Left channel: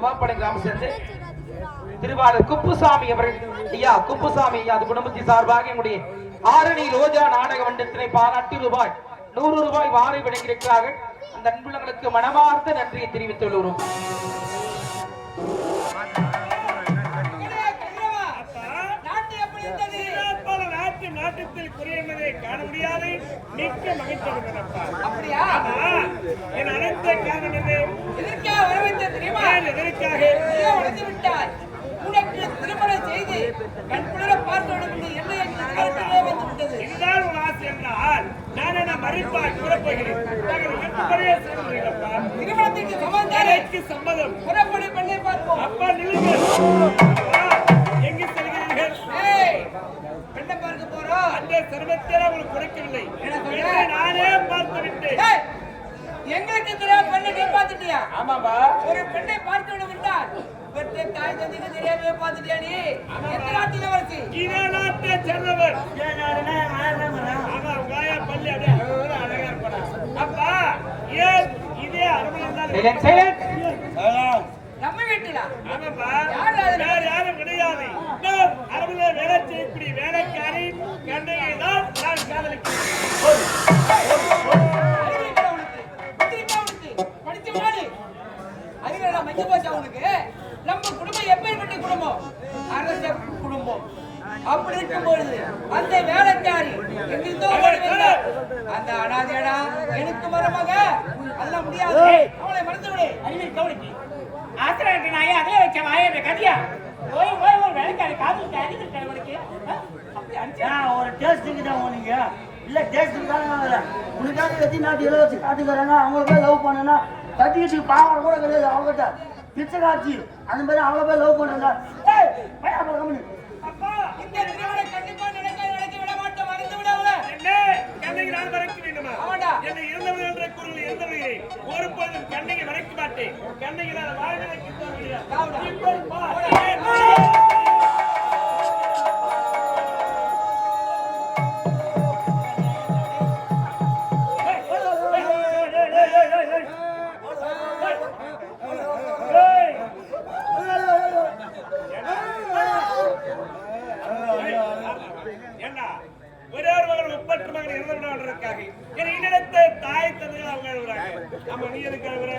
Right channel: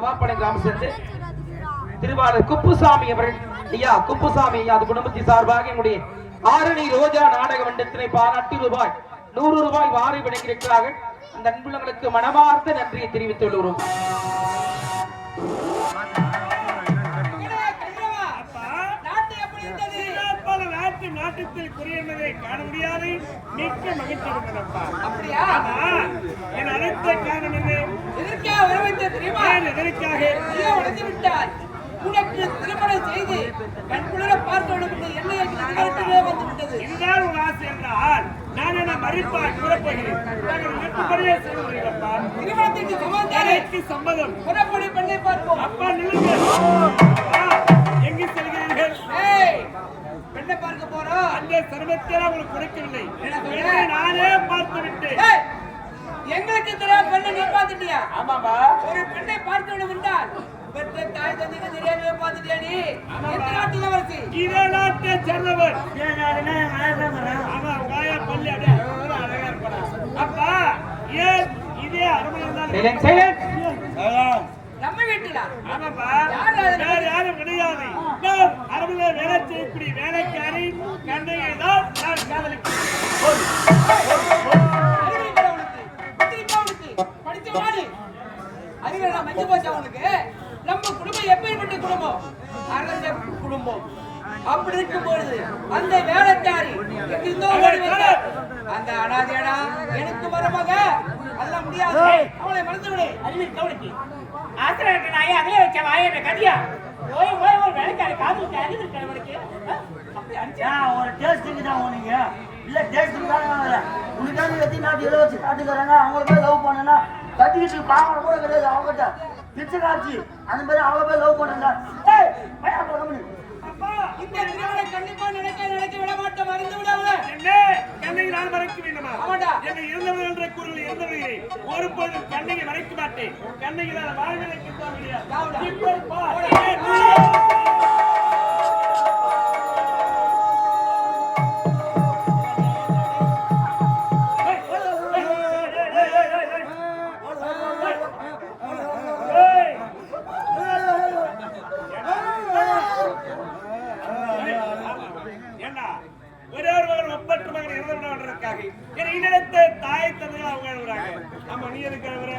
கிராமம் சேர்ந்து திருவாளர் குப்புசாமி அவர்கள் ஐயா குப்புசாமி ஐயா அது குடும்பத்தின் சார்பாக என்னுடைய ஆரணி ரோஜா நாடக மன்றத்தினை பாராட்டி ரூபாய் 100 ரூபாய் வாரி வழங்கியிருக்கிறார்கள். அந்த அன்புள்ளங்களுக்கு மனமார்ந்த நன்றியை தெரிவித்துக் கொள்கிறோம். நாட்டத்தில் குறையதை காண முடியாது. மிக்க மகிழ்ச்சி அப்படியா? என் அனைத்த காரணம் என்ன? எதற்காக வரவேற்ற தெரியுமா? எதற்காக வளர்ந்து விட்டார். உனக்கு திருமணம் செய்து கண்குளிர பார்க்க வேண்டும் என்று எண்ணெய் வந்து விட்டது. இதுதான் ஒரு ஆசை என்றால் நான் என்ன மறிப்பாய் கூறப்போகிறேன். திருமணத்திற்கு சம்மதம். புறப்படி பெண்ணை பார்ப்போம். அப்பா நில்லுங்க. எங்கு செல்கிறீர்கள்? பெண்ணை பார்க்க போறோம். அந்த சர்வத்தில் அவங்களுக்கு குறைக்கவில்லை. நானே பார்த்து விட்டேன். எங்களுக்கு தெரியாத பெண்ணை நீ பார்த்துட்டியா? ஆமாப்பா. ஒரு பெண்ணை பார்க்க வேண்டும் என்றால் பெற்ற தாய் தந்தைக்கு தெரியாதே பார்த்துட்டியா நீ? எந்த நாட்டில் வரசி? இதே நாட்டை சேர்ந்தவர். ஆமா உகாயா பள்ளி அப்படியே அழகா இருப்பாரா? அப்பா ஏன் இதே அரமனை நம்ம வீட்டுல? ஆமாப்பா. யாரும் கிடையாது. அரமனை வேலை செய்யக்கூடிய வேலைக்காரி கண்ணையை தான் நான் காதலிக்கிறேன். நம்ம குடும்பம் எப்படிப்பட்ட குடும்பம்? அரச குடும்பம். அப்படி இருக்கும்பொழுது அந்த வேலைக்காரி அந்த அனாதையடா எனக்கு மருமக அதெல்லாம் முடியாது. அவளை மறந்து விடு. அறிவியல் கவனிக்கு ஆசிரியருக்கு நாயே அதிலே வச்ச வாயை கதியா போய் போய் ஒரு வேலைக்காரி காதலுக்கு அறிவியல் கவனிக்கு ஒரு டேஸ்ட்டுக்கு தான் போனீங்க. இல்லை டேஸ்ட்டுக்கு தான் நான் உனக்காக எத்தனை நாட்டு எல்லாம் வச்சு காட்டுக்கிறாங்க. அவங்கள போய் லவ் பண்ணனா கட்டிக்கிட்டு பாவம் கூட கிடையாது. அவங்ககிட்ட பிச்சை காட்சி அந்த மாதிரி அவங்கள போய் லவ் பண்ணுங்க. இந்த திருமணம் கண்டிப்பா நினைக்க விட மாட்டேன். மறந்து விட அவளை. கண்ணை நான் மறைக்க வேண்டுமா? ஆமாடா. என்னை இருந்தவர்கள் என்ற குரல் இருந்தவர்களே ஒருபோதும் கண்ணையை மறைக்க மாட்டேன். கண்ணையில் வாழ்வினை தாய் தந்தை அவங்க எழுதுறாங்க. ஆமா நீ எதுக்கு எழுதுற?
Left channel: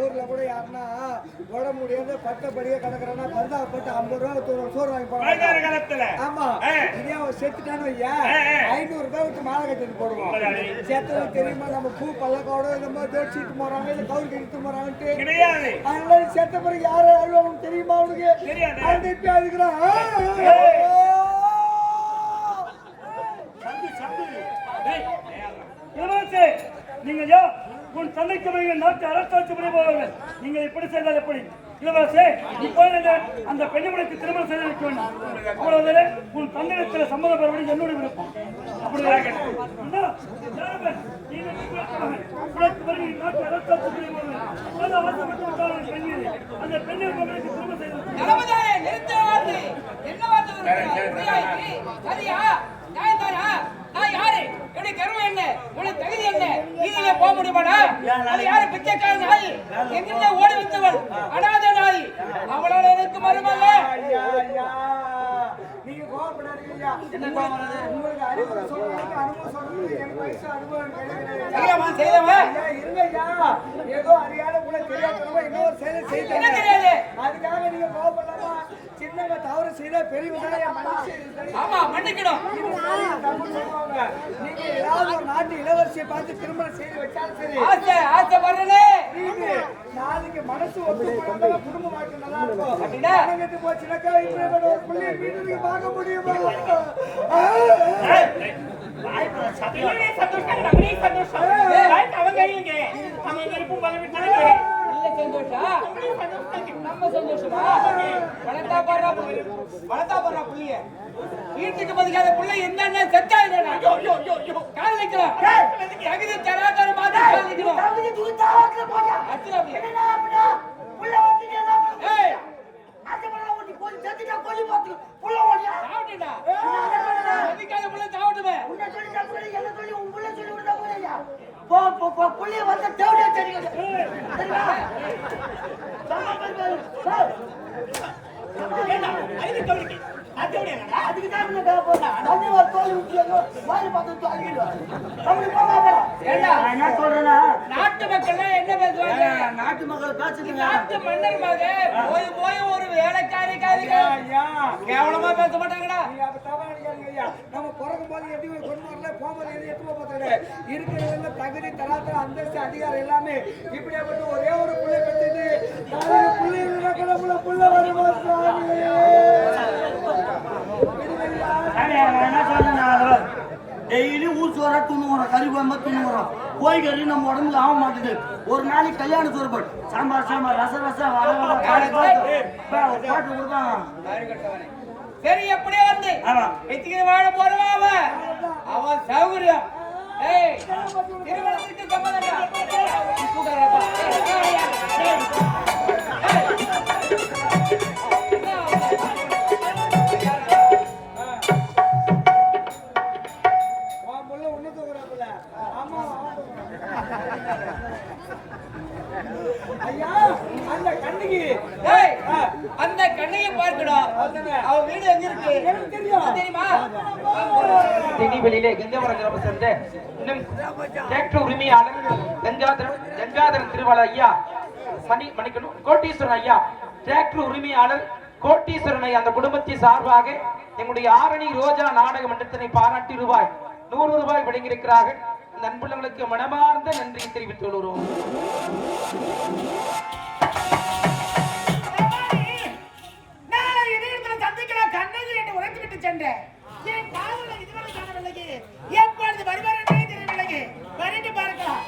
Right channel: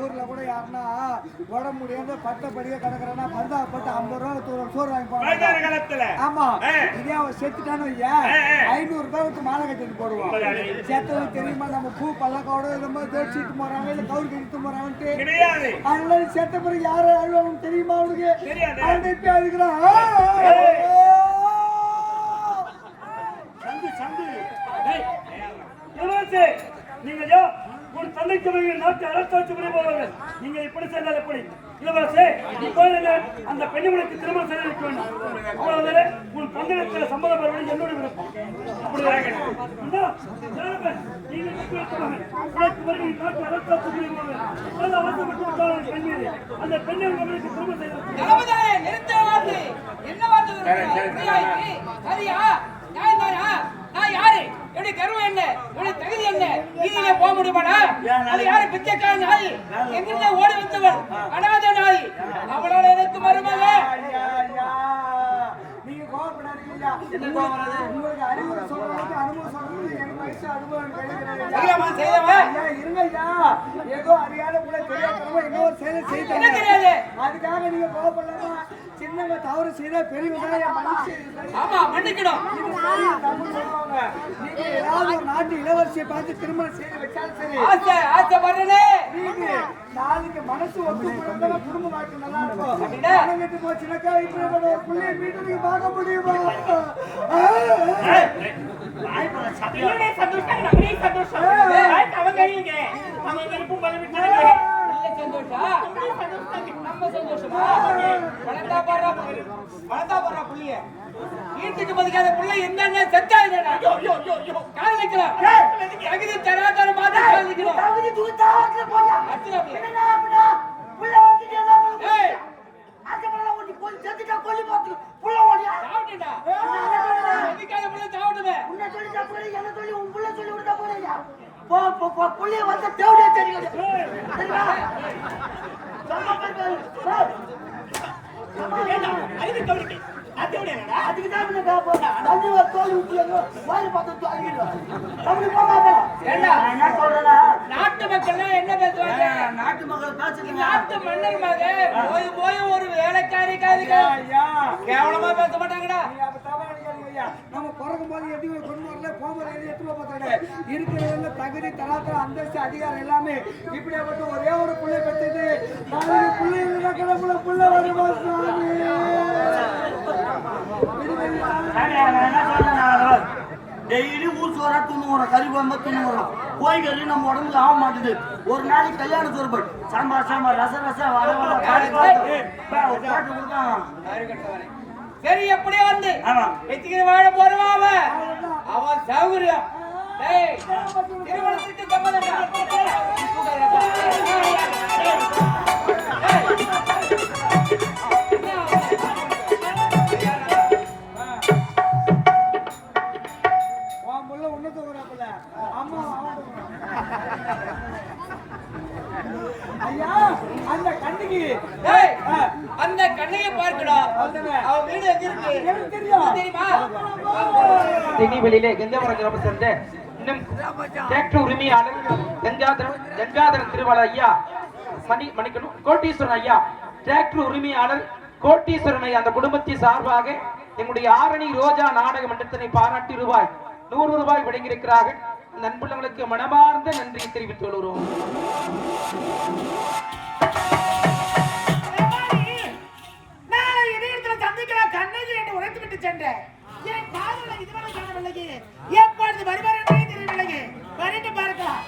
ஊர்ல கூட யாருன்னா உடம்பு முடியாது பட்டப்படியே கிடக்குறா பரிதாபப்பட்டு 50 ரூபா சோறு வாங்கி போடுவாங்க. ஆமா இதே அவன் செத்துட்டான்னு வையா 500 ரூபாய் விட்டு மாலை கட்டிட்டு போடுவோம். செத்தவங்க தெரியுமா? நம்ம பூ பல்லக்கோட நம்ம தோச்சிட்டு போறாங்க இல்ல கவுரு கட்டிட்டு போறாங்கட்டு அதனால செத்த பிறகு யாரும் அழுவாங்க தெரியுமா? அவனுக்கு அவனுக்கு அழுகிறான். நீங்க உன் தந்தைக்கு நாட்டு அரசாட்சி போவார்கள். நீங்க இப்படி செய்தால் எப்படி? இளவரசே அந்த பெண்ணுக்கு திருமணம் செய்து வைக்க வேண்டும். உன் தந்தைக்கு சம்மதம் பெற வேண்டும். என்னுடைய விருப்பம். நாட்டு அரசாட்சி அந்த பெண்ணை திருமணம் செய்து தகுதி என்ன? நீதியிலே போக முடியுமாடா? அது யாரு? பிச்சைக்கார நாய். எங்கிருந்தே ஓடி வந்தவன் அனாதை நாய். அவளால எனக்கு மருமக. நீங்க கோவப்படாதீங்க. என்ன கோவப்படுறது? உங்களுக்கு அறிவுரை சொல்றாங்க. அனுபவம் சொல்றது எனக்கு வயசு அனுபவம் கிடையாது. செய்தவன் இருங்கய்யா ஏதோ அறியாத கூட தெரியாதவங்க இன்னொரு செயல் செய்தாங்க. அதுக்காக நீங்க கோவப்படலாமா? சின்னவங்க தவறு செய்தா பெரியவங்க மன்னிச்சு. ஆமா மன்னிக்கணும். நீங்க ஏதாவது ஒரு நாட்டு இளவரசியை பார்த்து திருமணம் செய்து வச்சாலும் சரி. ஆசைப்படுறே நாளைக்கு மனசு ஒத்து போனா குடும்ப வாழ்க்கை நல்லா இருக்கும். கெட்டு போச்சுனாக்கா இப்ப ஒரு பிள்ளைய வீட்டு நீங்க பார்க்க முடியுமா? வீட்டுக்கு பதிக்காத பிள்ளை என்னென்ன செத்தா காதலிக்கலாம். தகுதி தராதர மாதிரி காதலிக்கலாம். புள்ள வந்து செத்துட்டா கொல்லி போட்டு புள்ள ஓடியா சாவட்டேன்டா. எதுக்காக புள்ள சாவட்டுமே? உன்னை சொல்லி தப்பு என்ன சொல்லி உன் புள்ள சொல்லி விடுதா போறியா போ போ போ புள்ளிய வந்து தேவடியா தெரியுது சரியா அறிவு கவனிக்கு அதோடடா அதுக்கு தான் உன்னை காப்போடா தண்ணி வர தோல் ஊத்தியோ வாய் பார்த்து தாங்கிடுவா கவனி போமா ஏண்டா என்ன சொல்றேன்னா நாட்டு மக்கள் என்ன பேசுவாங்க? நாட்டு மக்கள் பேசுறீங்க நாட்டு மன்னர் மகன் போய் போய் ஒரு வேலைக்காரி காரிங்க கேவலமா பேச மாட்டாங்கடா. நீ அப்ப தவறா நினைக்காதீங்க ஐயா. நம்ம பிறக்கும் போது எதுவும் கொண்டு வரல, போகும்போது எதுவும் எடுத்து போகிறது இருக்கிறதுல தகுதி தராத்திரம் அந்தஸ்து அதிகாரம் எல்லாமே இப்படியாப்பட்ட ஒரே ஒரு பிள்ளை பெற்றது நாளைக்கு பிள்ளை இல்லைனாக்க நம்மள பிள்ளை வருமா சுவாமி? டெய்லி ஊர் சோறா துண்ணுறோம் கறி குழம்பு துண்ணுறோம் கோய் கறி நம்ம உடம்புக்கு ஆக மாட்டுது ஒரு நாளைக்கு கல்யாண சோறு போய் சாம்பார் சாம்பார் ரசம் ரசம் வர வர காய் பாட்டு கொடுப்பாங்க சரி எப்படியே வந்து ஆமா எத்திக்கிற வாழ போறவா அவன் சௌகரியம். ஏய் திருமணத்திற்கு உன் புள்ள உன்னை தூக்குறாப்புல. அம்மா அவன் தூக்குறான். ஐயா அந்த கண்ணுக்கு ஏய் அந்த கண்ணையை பார்க்கணும். அவன் வீடு எங்க இருக்கு? எனக்கு தெரியும். தெரியுமா? தென்னிவெளியிலே கங்கவரம் கிராமம் சேர்ந்த இன்னும் டிராக்டர் உரிமையாளர் கங்காதரன் திருவாளர் ஐயா மணிக்கணும் கோட்டீஸ்வரன் ஐயா டிராக்டர் உரிமையாளர் கோட்டீஸ்வரன் ஐயா அந்த குடும்பத்தின் சார்பாக எங்களுடைய ஆரணி ரோஜா நாடக மன்றத்தினை பாராட்டி ரூபாய் 100 வழங்கியிருக்கிறார்கள். அந்த அன்புள்ளவங்களுக்கு மனமார்ந்த நன்றியை தெரிவித்துக் கொள்கிறோம். நாளை இணையத்தில் சந்திக்கலாம் கண்ணகி என்று உரைத்து விட்டு சென்றேன். என் காதலை இதுவரை காணவில்லையே. எப்பொழுது வருவார் என்றே தெரியவில்லையே. வரட்டு பார்க்கலாம்.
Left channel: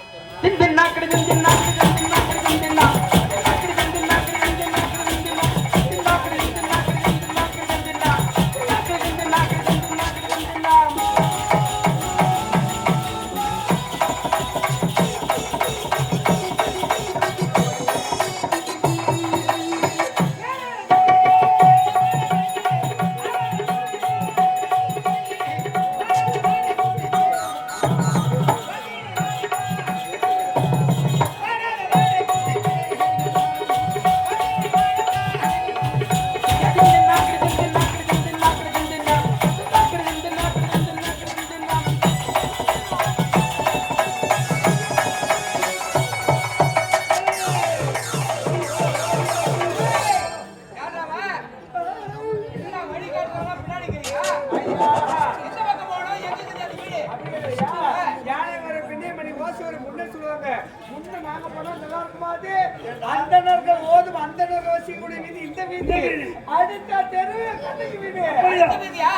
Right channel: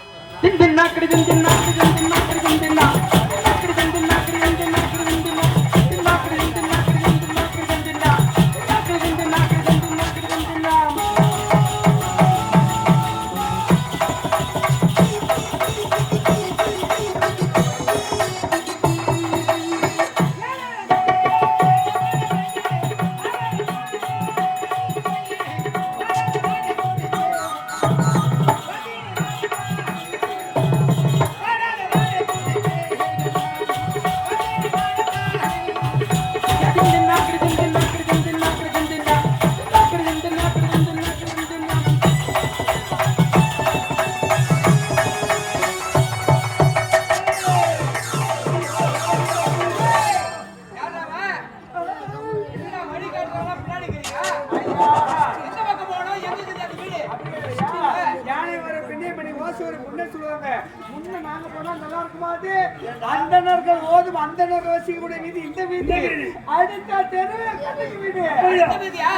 யானை வர பின்னே மணி வாசி வர முன்னே சொல்லுவாங்க. முன்ன நாங்க போனா நல்லா இருக்குமாது. அந்தணர்கள் ஓதும் அந்தணர் வசிக்கக்கூடிய வீதி இந்த வீதி. அடுத்த தெரு கண்ணுக்கு வீதி. வீதியா?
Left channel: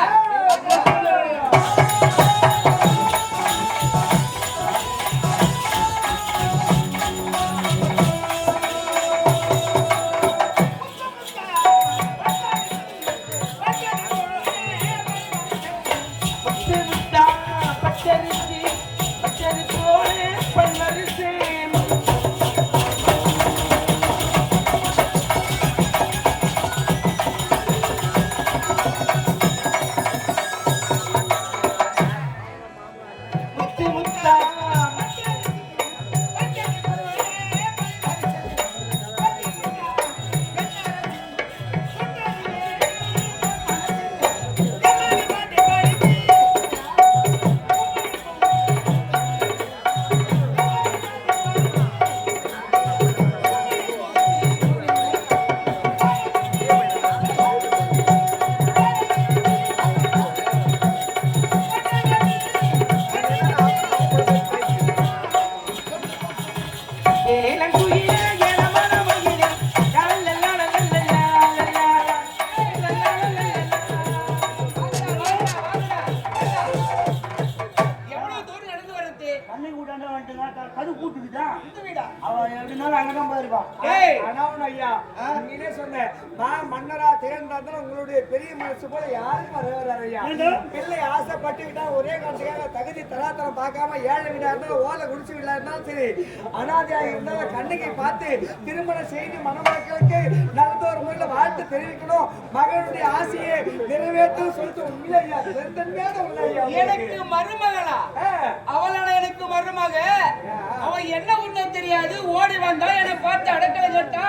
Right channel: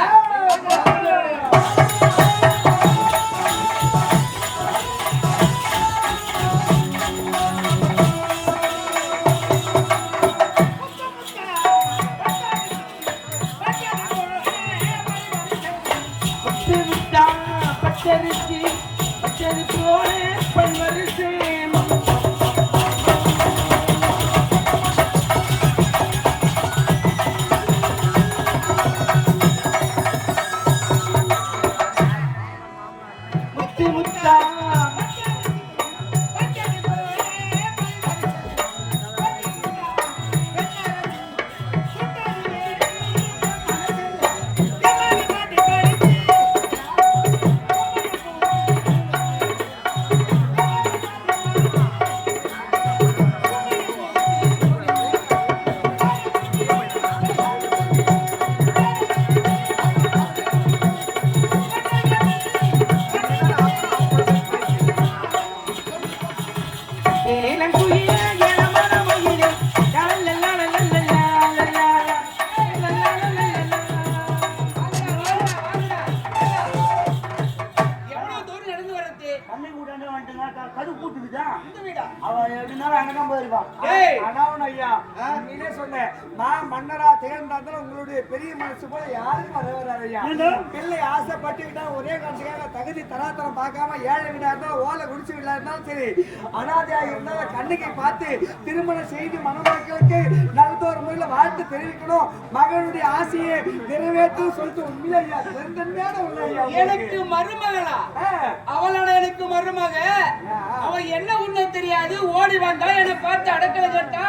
ஏய் அனாவன் ஐயா நீனே சொன்ன நான் மன்னரா தேர்ந்தாலும் உங்களுடைய பெரிய மனசு போல யாரும் வரவராரு ஐயா பிள்ளை ஆசைப்பட்டுக்கிட்டா ஒரே காரணத்துக்காக தகுதி தராதரம் பார்க்காம ஏழை வீடா இருந்தாலும் ஓலை குடிச்சு வீடா இருந்தாலும் சரி அனாதையா இருந்தாலும் கண்ணுக்கை பார்த்து திருமணம் செய்து மணமக்களுக்கு நல்லதொரு முறையில வாழ்த்து தெரிவிக்கணும் மகனுடைய ஆசையை நிறைவேற்றும் சொல்லிட்டு உண்மையில ஐயா பெருந்தன்மையான உள்ள ஐயா எனக்கு மருமகளா அவளான எனக்கு மருமக அவ என்ன உண்மை தெரியாது ஓடி வந்தா என்னை பார்த்து அடக்கலை கேட்டா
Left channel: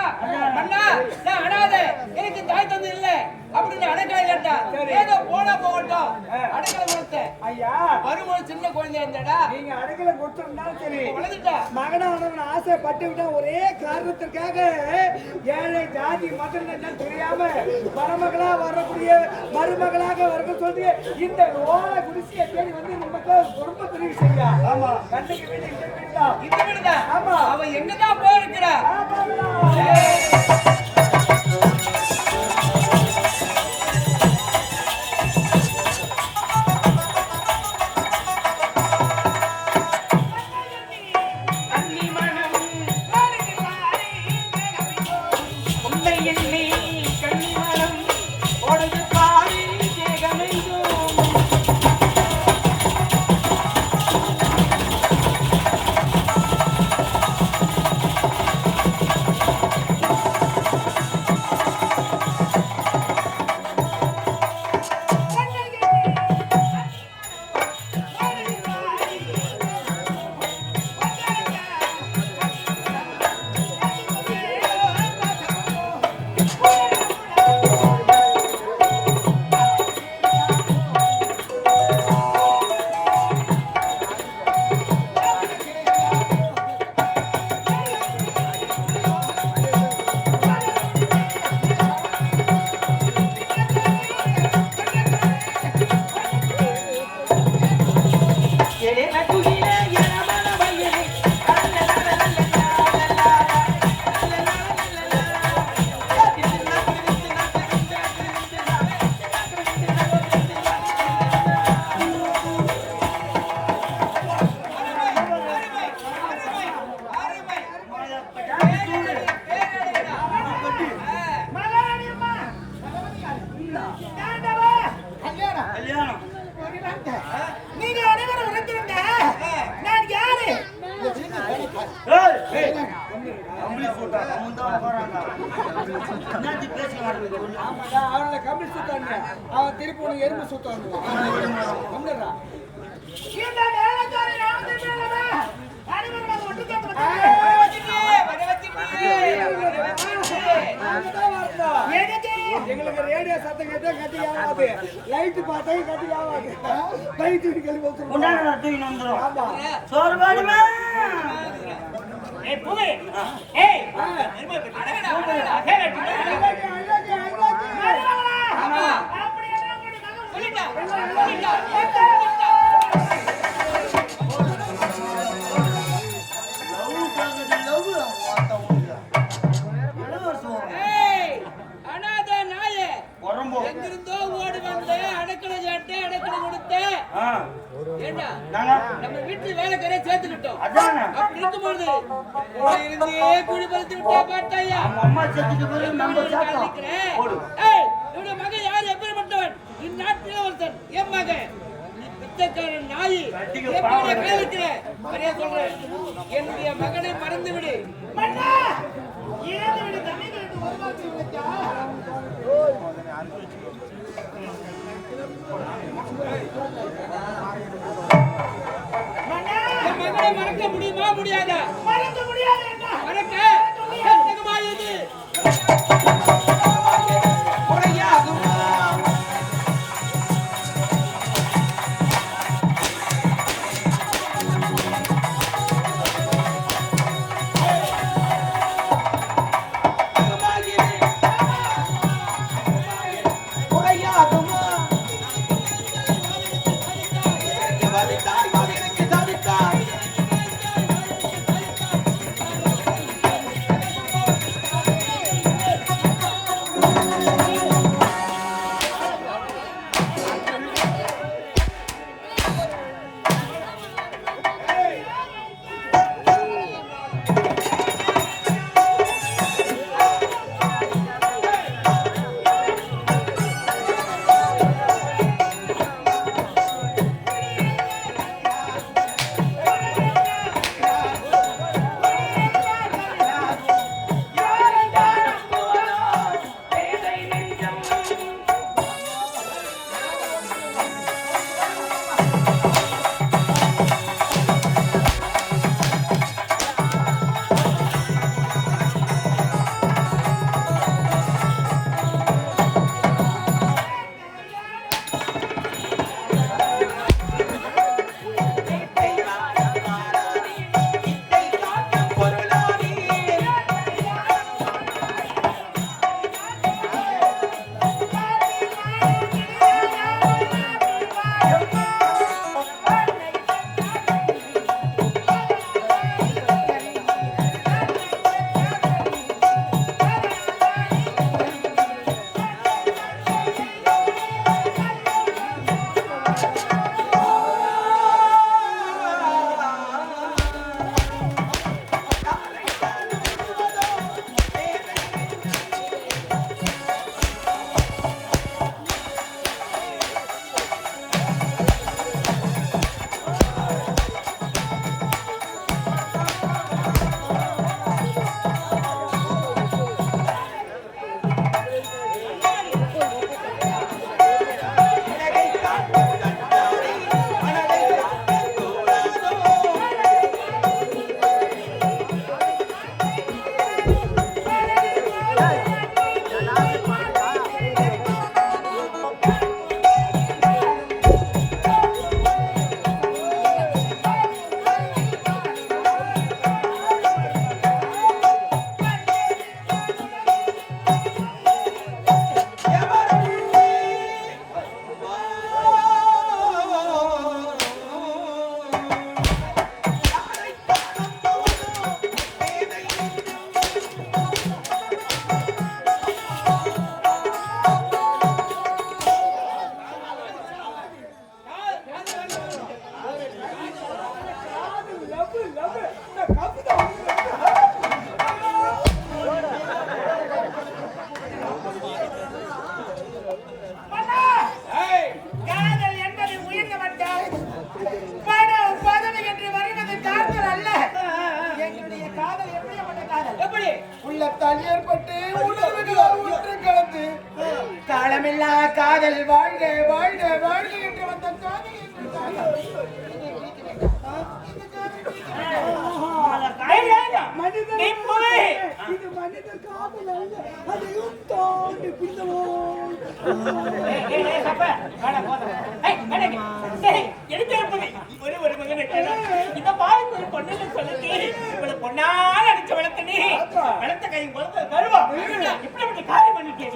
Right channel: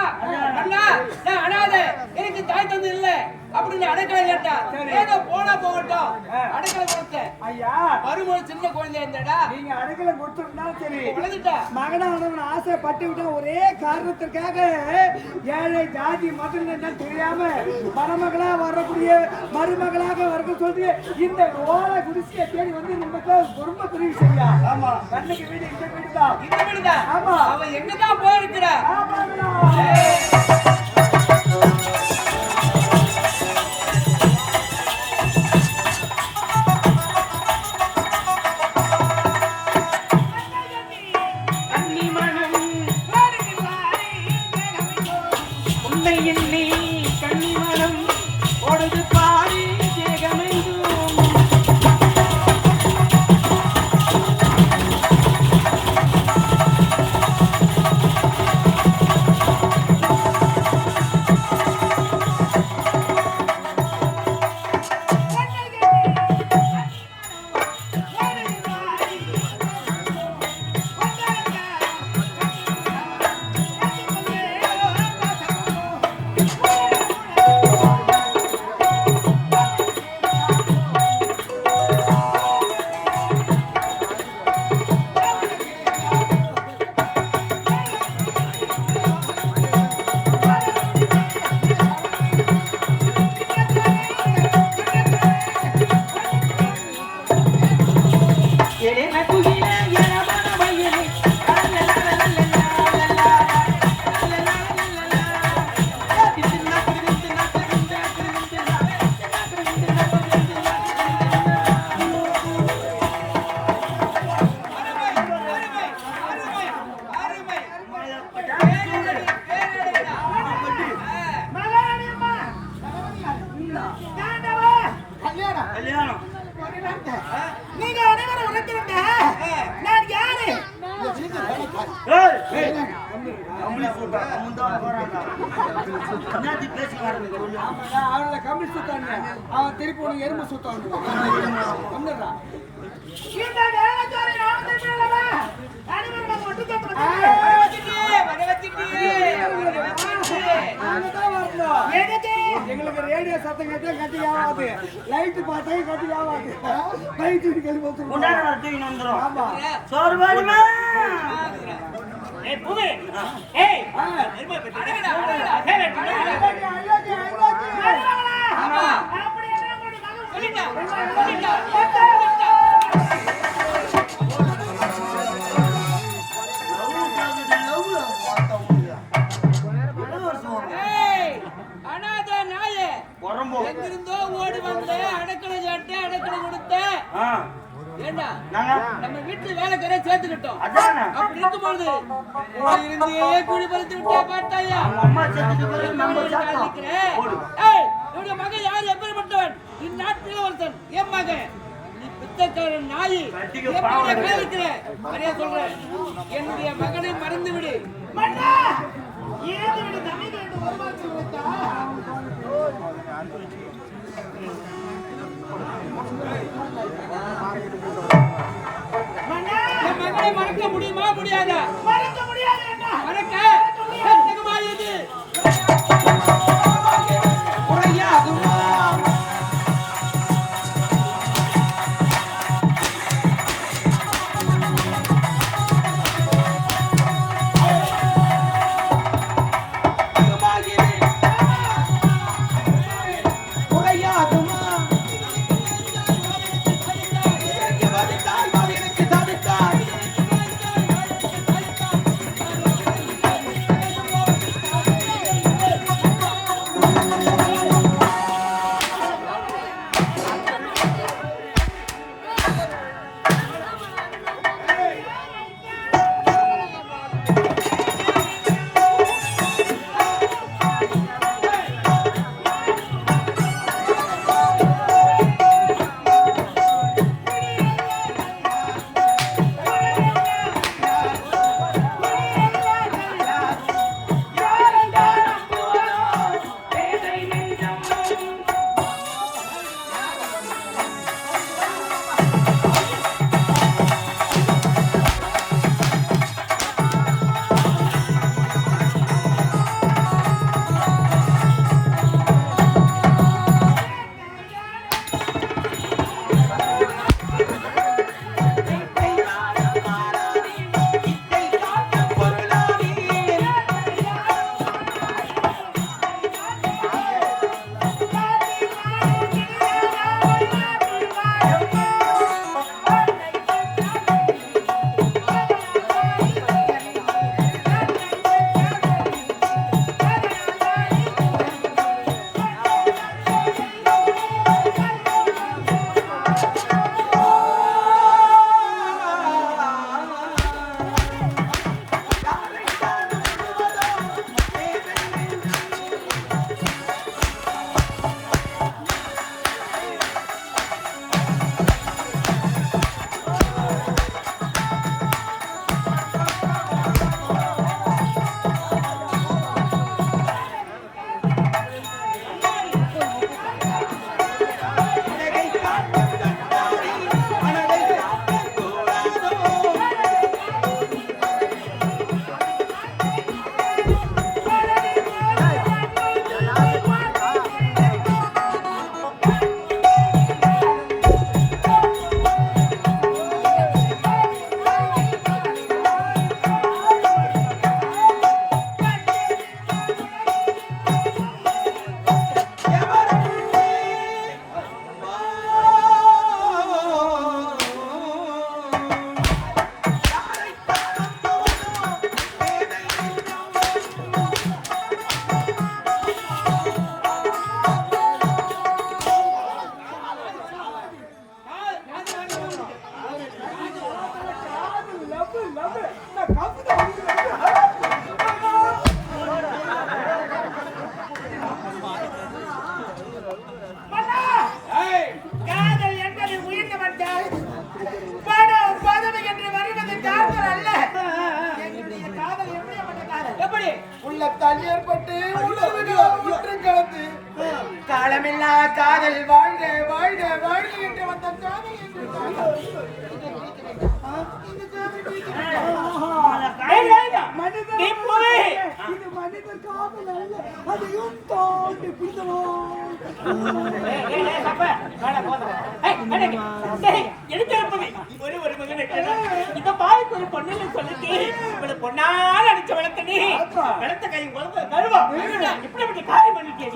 அண்ணா நான் அனாதை எனக்கு தாய் தந்து இல்ல அப்படின்னு அடக்கலை கேட்டா ஏதோ போனா போகட்டும் அடக்கலை கொடுத்தேன் ஐயா மருமகள் சின்ன குழந்தை இருந்தாடா நீங்க அடக்கலை கொடுத்துருந்தாலும் சரி வளர்ந்துட்டா மகனானவன் ஆசைப்பட்டு விட்ட ஒரே காரணத்திற்காக ஏழை ஜாதி மதம் என்னன்னு தெரியாம மணமகளா வரக்கூடிய மருமகளாக வரணும் சொல்லி இந்த ஓலை குடிசையை தேடி வந்து நமக்கு ரொம்ப பெரிய விஷயம் ஆமா கண்ணுக்கு வீடு இந்த வீடுதான் இந்த வீடுதான் ஆமா அவ எங்கதான் போயிருக்கிறா நீங்க அனைவரும் உழைத்திருந்த நான் யாரு அவனை கம்பி சுத்தாங்க அவன் திருப்பி உனக்கு எறும்பு சுத்தாங்க இந்த வேலைக்காரி நாமத்தை இல்லடா அனைவரும் ஒட்டு கேட்டு எங்களுக்கு ரேடியோ சத்தம் கேட்டா கட்டி ஆகாது லைட் பார்த்தா கட்டி ஆகாது பைக் கழிவு வந்துடும் ஆமா சோறு வேணுமா ஏய் புது ஏய் ஆமா அப்படி என்ன சொல்லிட்டா அனாதை நாயே எங்கிருந்தோ ஓடி வந்து அடக்கலை சாட்டு அடக்கலை கொடுத்த ஏண்டா நம்ம வீட்டுல வேலைக்காரே சேர்த்துக்கிட்டோம் அப்படி இருக்கும்போது இருந்தே குடி பறித்து விட்டா பார்த்தாயா என்னுடைய மகன் யார் எப்படிப்பட்டவன் இந்நாட்டில் ஒருத்தன் என் மகன் நீ பித்தக்காரன் நாய் கேட்கிற நிறைய சொல்றேன் என்னுடைய மகனை மறந்து விடு மன்னா ஏது விடு தண்ணி கேட்டு ஒரு மாதிரி உழைத்தா என் மகனை மறக்க முடியுமா முடியாதா மறக்க முடியாது என்ன மறக்க சந்தேகமாயுது காலமில்லா காதல் வாழ்க வாழ்க வாழ்க என்று வந்த காதல் இது மனித காதல் அல்ல, அதையும் தாண்டி பிடிக்கணும். பொன்னால அடிச்ச வளர்த்தனே வளர்த்த கை கருவா இப்படி காரியம் பண்ணிட்டே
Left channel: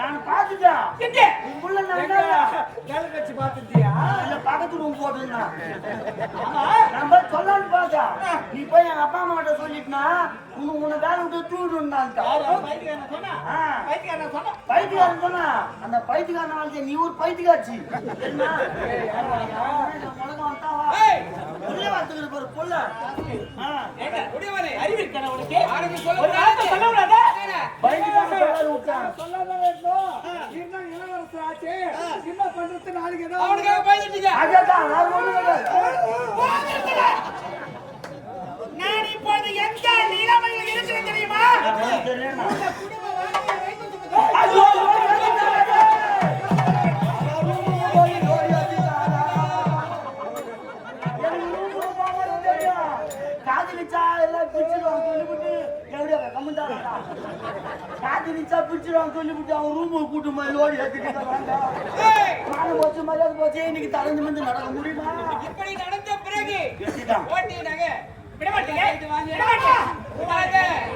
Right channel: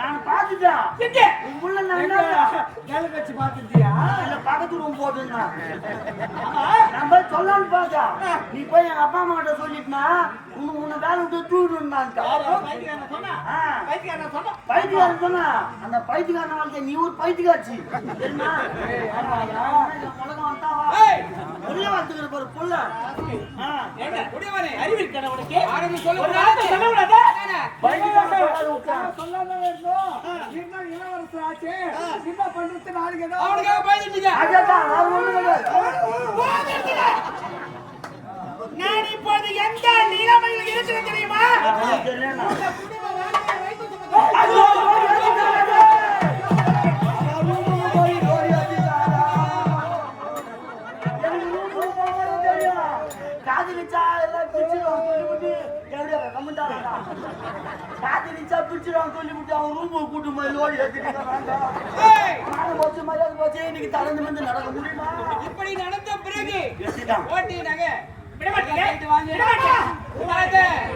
நான் பாத்துட்டேன் வேலை கட்சி பார்த்துட்டியா? பக்கத்து ரூம் போட்டுருந்தான் நான் போய் சொல்லலான்னு பார்த்தேன். நீ போய் எங்க அப்பா அம்மா கிட்ட சொல்லிட்டுனா உன்னை வேலை விட்டு தூக்கிட்டுருந்தான். பைத்தியக்காரன் சொன்னா அந்த பைத்தியக்காரன் வாழ்க்கை நீ ஒரு பைத்தியக்காட்சி உள்ள வந்துக்கிற பாரு புள்ள சொல்லாம இருந்தோம். இன்னும் இளவரசர் ஆச்சு. என்ன பண்றது? நாளைக்கு ஏதாவது அவனுக்காக பயந்துட்டீங்க. அதான் நான் ஒண்ணு கிடையாது. நான் இப்போது எந்த நிலைமையில் இருக்கிறேன் தெரியுமா? காதலிச்சா எல்லாம் பிரிச்சுடுவாங்க சொல்லிவிட்டு எவ்வளோ காதலிச்சா பிரிச்சுடுவாங்க சொல்லிவிட்டு அவன் ரூம் கூட்டு மாதிரி லோடி எடுத்துட்டு நானும் போச்சு மரியாதை போச்சு இன்னைக்கு தலைஞ்சு வந்து நடக்க முடியுமா? இப்படி நடந்த பிறகு வெட்டிட்டான். ஓட்டினாங்க. விட மாட்டீங்க? விட மாட்டேன்.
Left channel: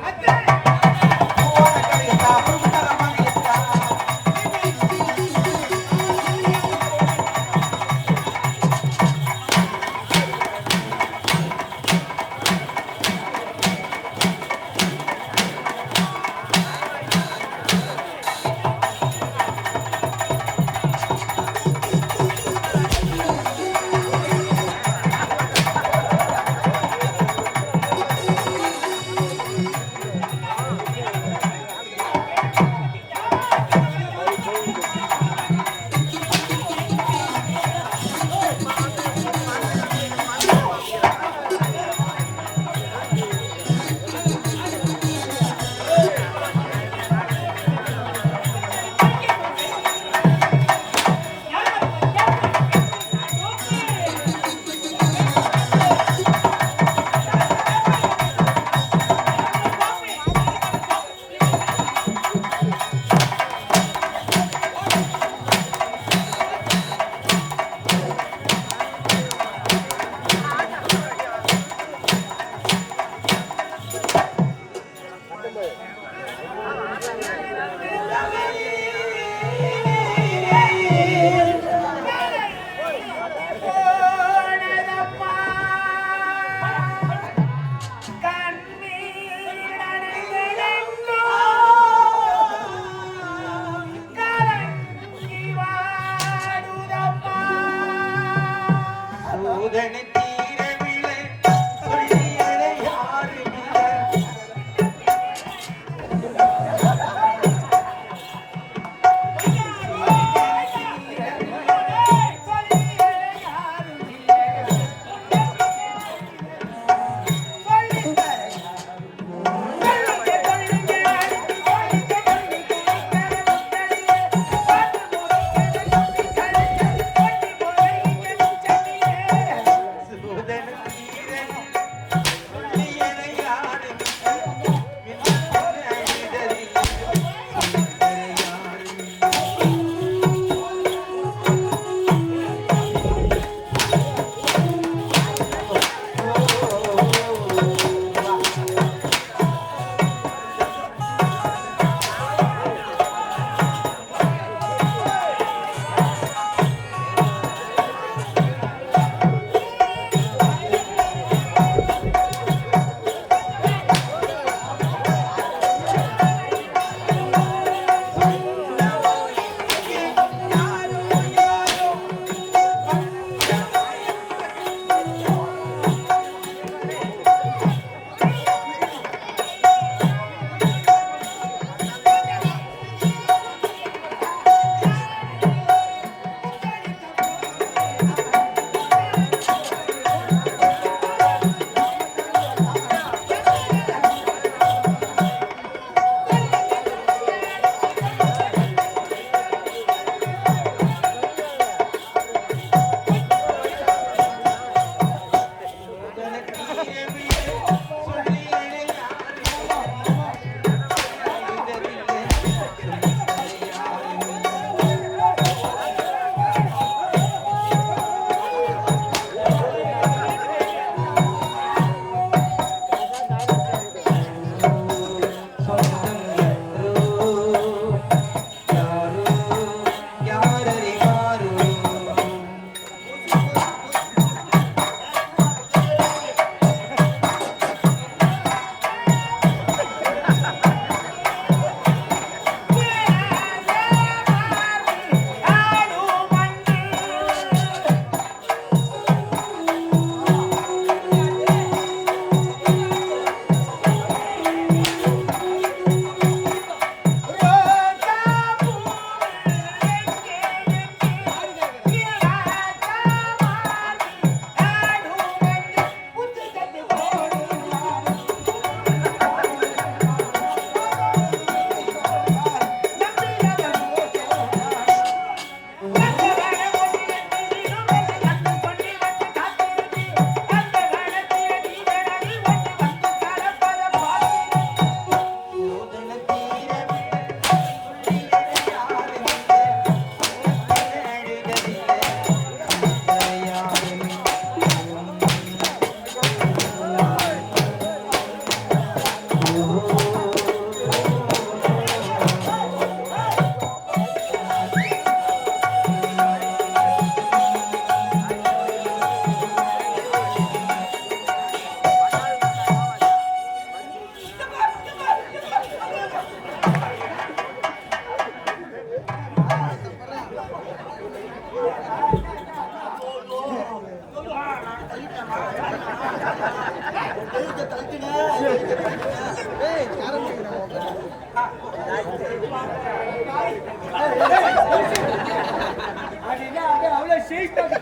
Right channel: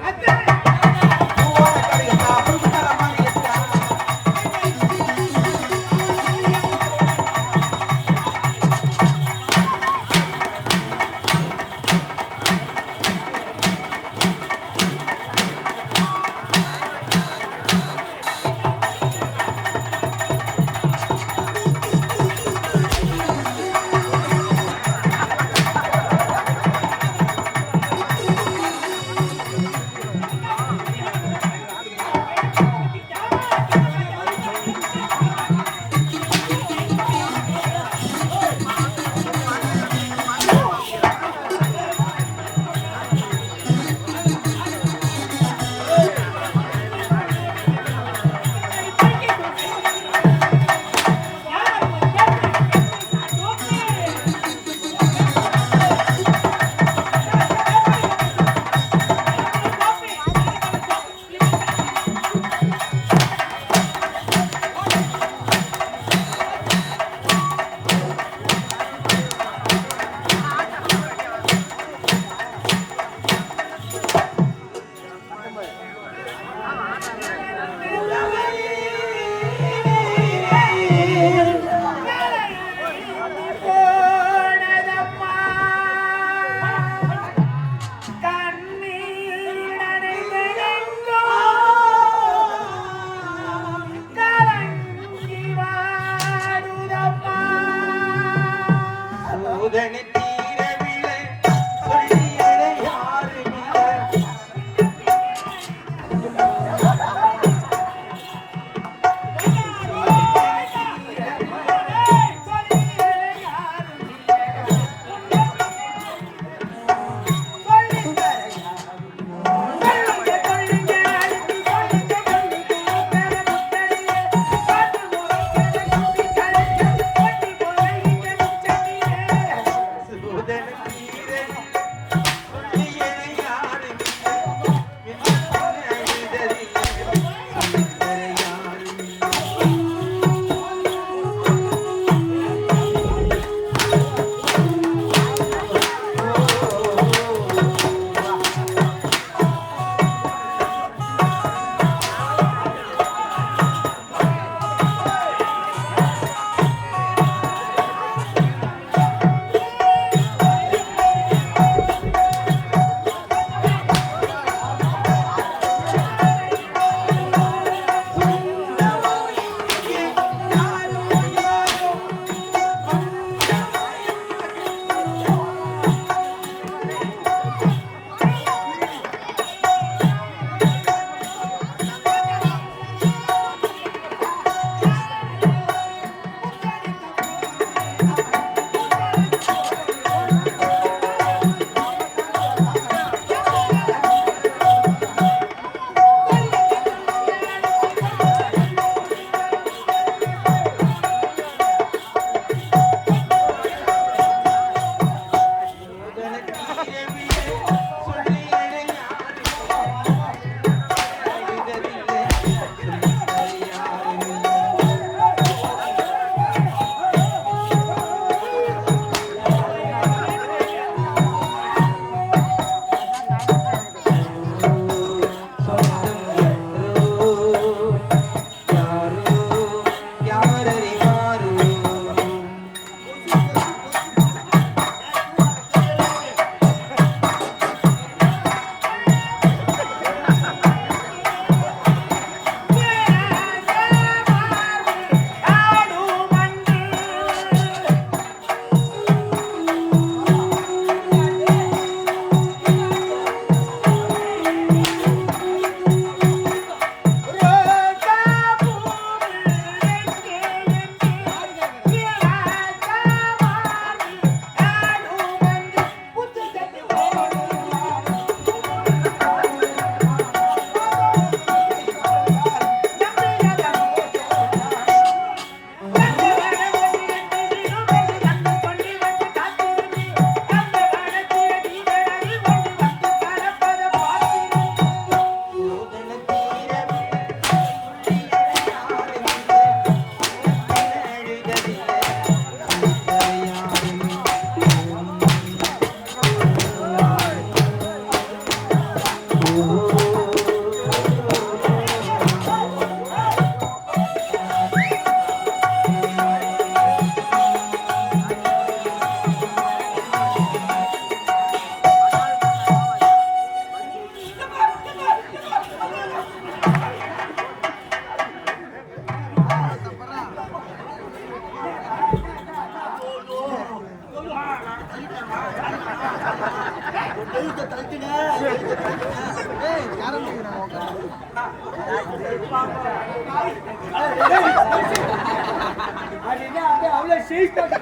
அவ்வளவு சீஸ்டாங்க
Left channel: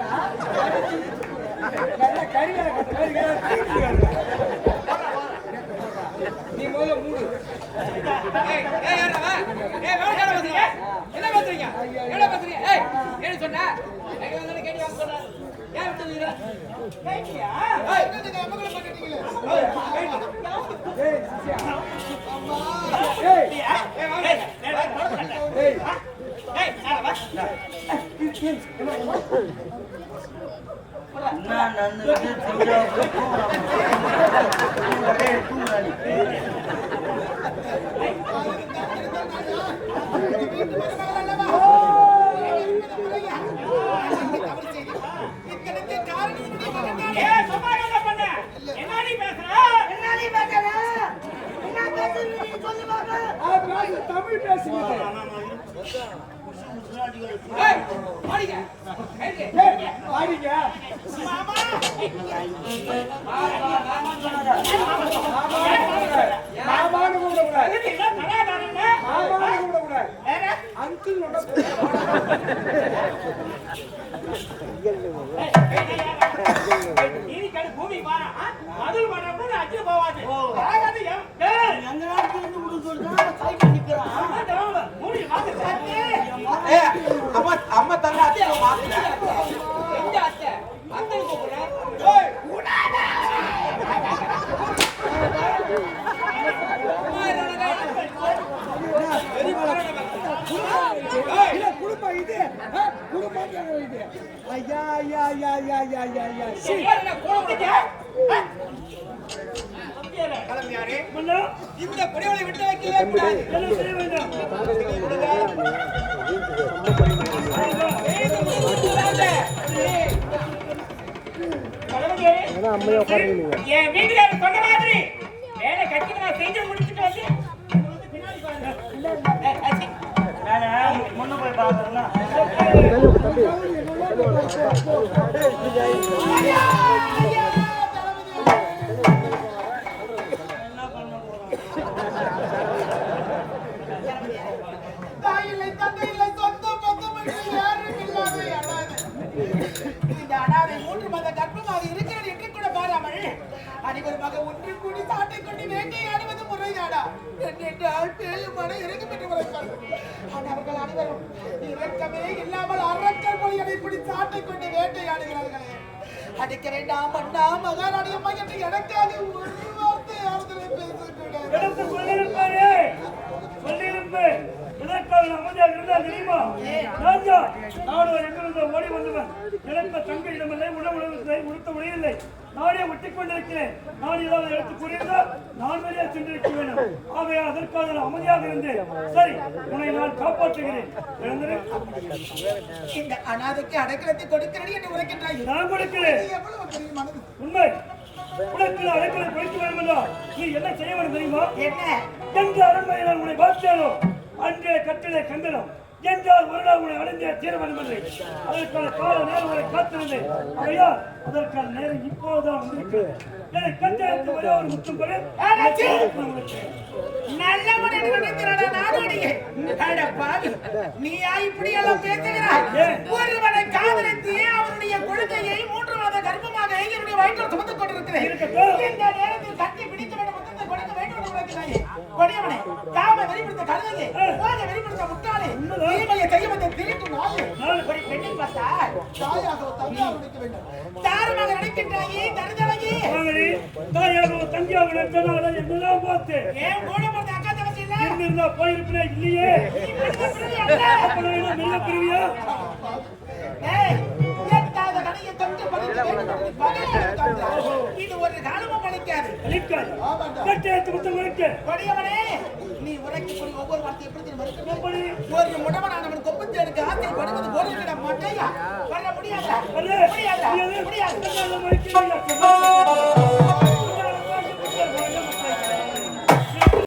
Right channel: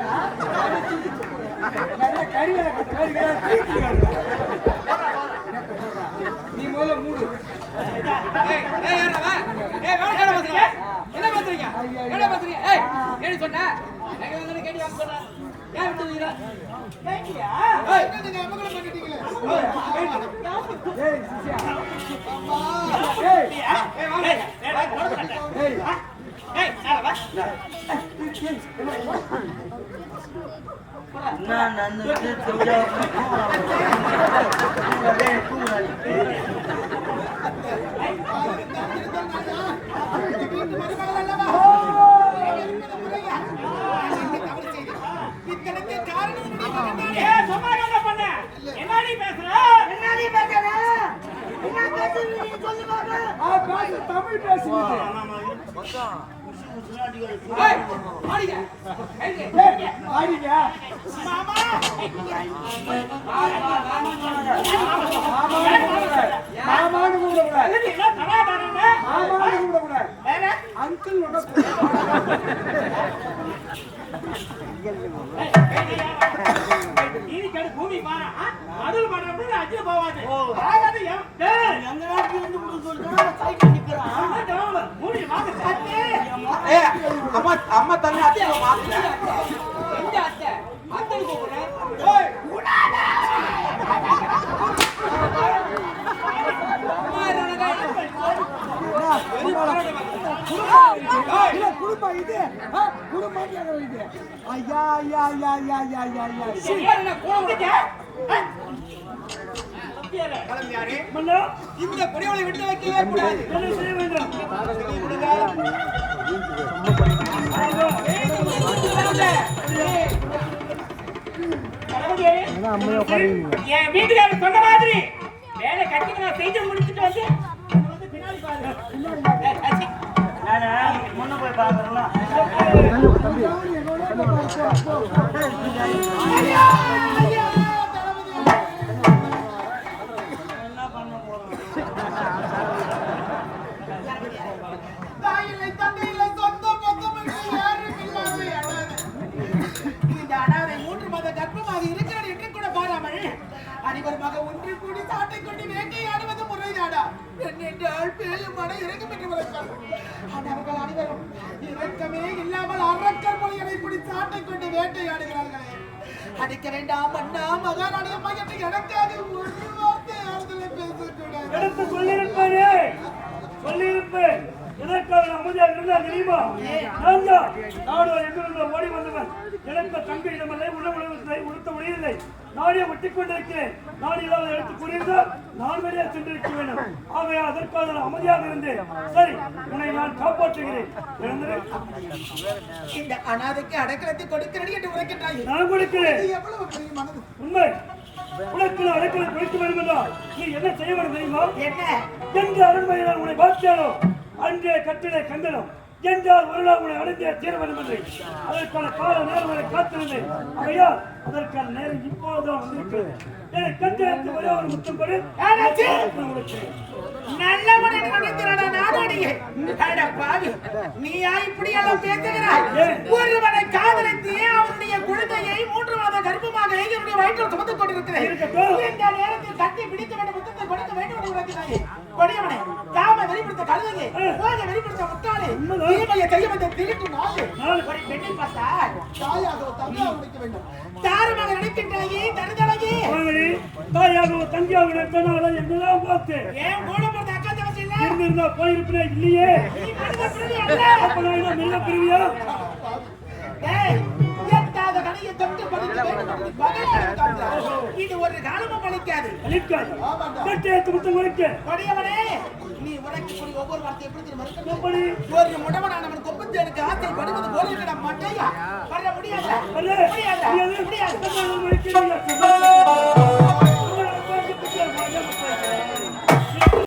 கறி நீ முதல்ல மூடு. என்ன பாத்துறீங்க என்ன பாத்துறீங்க? ஏய் என்ன சொன்ன? கேட்டி வாங்க சொன்ன. யார் விட்டு வீரா? கேட்டியா? ஏய் என்னங்க அமங்கல பண்ணிட்டீங்களே. ஏய் சிசியா. அம்மா. ஏய் வாங்க. ஏய் ஏய் சாரா வா. நான் நன்னுக்கு தெரியா இத்தனைக்கு காரணம் என்னுடைய மகன் தான். ஏய் சும்மா என்ன பண்ண? என்னடி பேசுற? என்னடி பேசுற? என்ன பேசுறீங்க சொல்லுவாங்க. தமிழ் பேசுகிறது. ஏய் ஆடிங்க. ஆடிங்க. மாமா மாமான்னு கூப்பிடக்கூடாது. என்ன தடா பாருங்க. மாமான்னு கூப்பிடக்கூடாது. அங்கிள் ஒண்ணு நீதி கடு பூமி பாரா. மதுள் பாடா கூட அஞ்சு போவாது. ஆகாது ஏய் எங்க நாட்டுல இருந்து முடிஞ்சு சொல்லிட்டா சைக்கிள் நிக்கிறான். மூடி வாங்க. அம்மா அம்மா தங்க அத்தை மாத்துல எங்க அத்தை? அத்தை கூப்பிடுறேன். ஏய் குடும்பம் இது. குடும்பம் இது. ஐயா ஐயா ஐயா ஐயா ஐயா ஐயா ஐயா. என்ன கூப்பிடுங்க? கிளம்பியாரு மன்னா இந்த பிரிவுகளை விட்டு வைக்கவே கூடாது. என்ன செய்ய வேண்டும்? என் வீட்டுக்காரர் சொன்ன மாதிரி வேலை கட்டிட்டு நான் செய்து முடிச்சுட்டு வந்து பின்னாடி பாருங்க. நான் முன்ன போய் பாக்குறேன்னா தாயில்லை தந்தையில்லை சொந்தம் பந்தம் என்று யாரும் இல்லாத அனாதை. இந்த அனாதை 3 மாத கர்ப்பமாக இருக்கிறது என்று கூட பாராமல் அனைவருமாக ஒன்று கூடி சாட்டை கொண்டு வேட்டையாடுவது முறைதானா என்றால் பேயும் மன இறங்கி பெற்று வளர்ப்பார்கள். அவர்கள் அனைவரும் இரக்கமே இல்லாமல் அரக்கர் மொழிகளை இப்படி சாட்டை கொண்டு வேட்டையாடுகிறார்களே. அடிக்க வேண்டாம் அண்ணா மகாராணி அம்மா என்று எனக்காக ஒரு வார்த்தை ஆறுதலை பேசக்கூடாது. எடுத்து சொல்லியிருப்பாரு. சொல்லியிருப்பேன். எதற்காக அமைதியாக இருந்தா தெரியுமா? நான் தான் நாடுகள் எங்கிருந்த ஓடி வந்தவன். எனக்கு தங்க இடமில்லை, உணவில்லை, உடுத்த உடையில்லை. நானே ஒட்டிக் கொண்டிருக்கிறேன். நான் ஏதாவது எடுத்து கூறியிருந்தால் நான் வெளியே சென்றிருக்க வேண்டும். ஆகவே அதற்காக நான் அமைதியாக இருந்தேன். சரி, உன்னை நான் காப்பாற்றுகிறேன். இந்த அனாதைக்கு அடைக்கலத்தை கொடுக்கிறேன் என்று உரைக்கின்றாய். நான் கொடுக்கிறேன். இது எவ்வளவு பெரிய மனது. உண்மை. உனக்கு அடைக்கலை கொடுக்க வேண்டும் என்றால் நீ என்ன செய்ய வேண்டும் தெரியுமா? என்ன எந்த அரண்மனை நான் உன்னை பார்த்தேனோ அன்றே கட்டிலே கண்டனம் என்றால் ஒரு நாள் உன்னை அடைந்தே தீர வேண்டும் என்று அதற்கான கால நேரம் உன்னை காத்திருந்தேன். ஆகையால் அதற்கான நேரம் இப்போதுதான் வந்திருக்கிறது. என்னை கட்டிடத்து ஒரே ஒரு முத்தம் கொடு. நல்லவன் என்று நினைக்கிறாடா நாடோடியே. அட பாவி, நீயா இப்படி எல்லாம் பேசுகிறாய்? ஒருவனை காதலித்து அவனுடைய குழந்தையை 3 மாத கர்ப்பமாக என்னுடைய வயிற்றில் சுமந்து கொண்டிருக்கிறேன். இந்த நேரத்தில் கட்டி பிடிக்க வேண்டும், முத்தத்தை கொடுக்க வேண்டும் என்று உரைக்கிறாய். கொடியவனே, காம வெளிப்படுத்த கழுதையே, உலக வெளிப்படுத்த முட்டாளே, தீமையை செய்ய வந்த திருட்டு நாயே. ஒரு பெண்ணை பார்த்தால் தாயாக தந்தையாக நினைக்க வேண்டும். தாரமாக நினைக்கின்றாயே தருதலையே. தாயாக தங்கியாக நினைத்தனால என்னதான் பார்த்து ஏன் கூட போறது அக்கா தங்கச்சி இல்ல? இருந்திருந்தா போயிருப்பேன். இல்லையே. நீ மனித பிறவி அல்ல. அப்ப நான் என்ன மிருக பிரிவியா? ஏய், எட்டாத கடையை தொட்டு இது ஒரு காலமும் பலிக்காது. அழிக்காது. கட்டேத்து முத்தம் கொடுக்க. கொடியவனே, நீ உரைக்கக்கூடிய ஒவ்வொரு வார்த்தை எப்படி தெரியுமா இருக்கணும்? எப்படி? ஒரு முடவனானவன் கொப்பத்து எடுக்க ஆசை படுவது போல நம்ம மட்டையா வர முடியாது. அல்ல. முடியாது. முடியாது. முடியாது. கண்ணால மறைக்கிறீங்க.